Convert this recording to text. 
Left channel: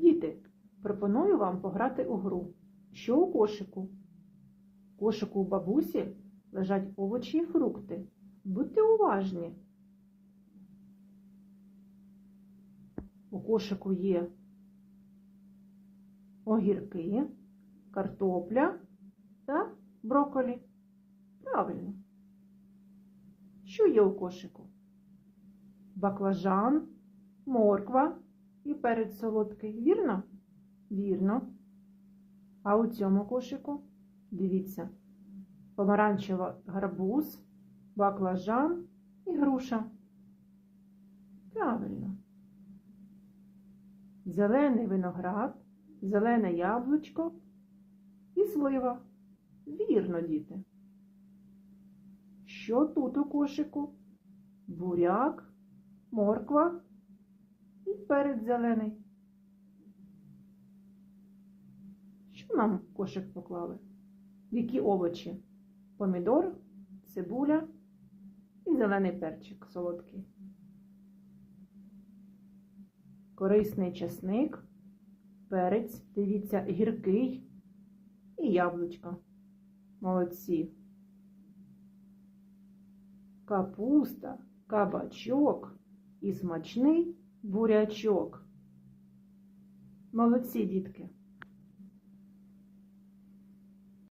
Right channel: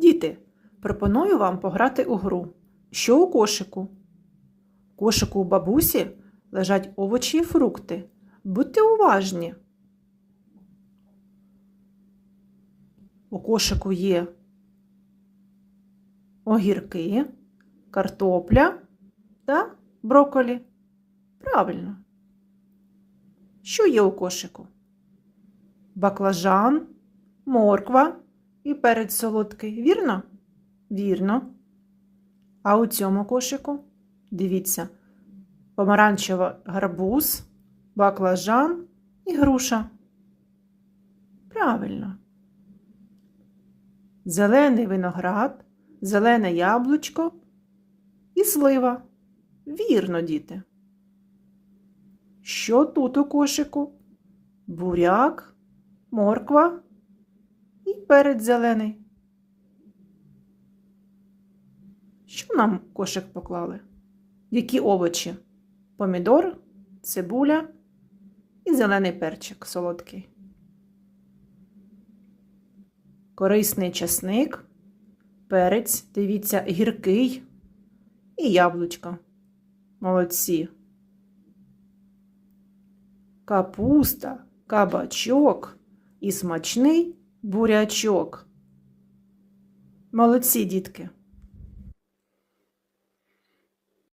Діти, пропоную вам пограти у гру. Що у кошику? У кошику у бабусі лежать овочі і фрукти. Будьте уважні. У кошику є огірки, картопля та брокколі. Правильно. Що є у кошику? Баклажан, морква і перець солодкий. Вірно? Вірно. А у цьому кошику, дивіться, помаранчева гарбуз, баклажан і груша. Правильно. Зелений виноград, зелене яблучко і слива. Вірно, діти. Що тут у кошику? Буряк, морква і перець зелений. Що нам кошик поклали? Які овочі? Помідор, цибуля і зелений перчик солодкий. Корисний часник, перець, дивіться, гіркий і яблучко. Молодці. Капуста, кабачок і смачний бурячок. Молодці, дітки.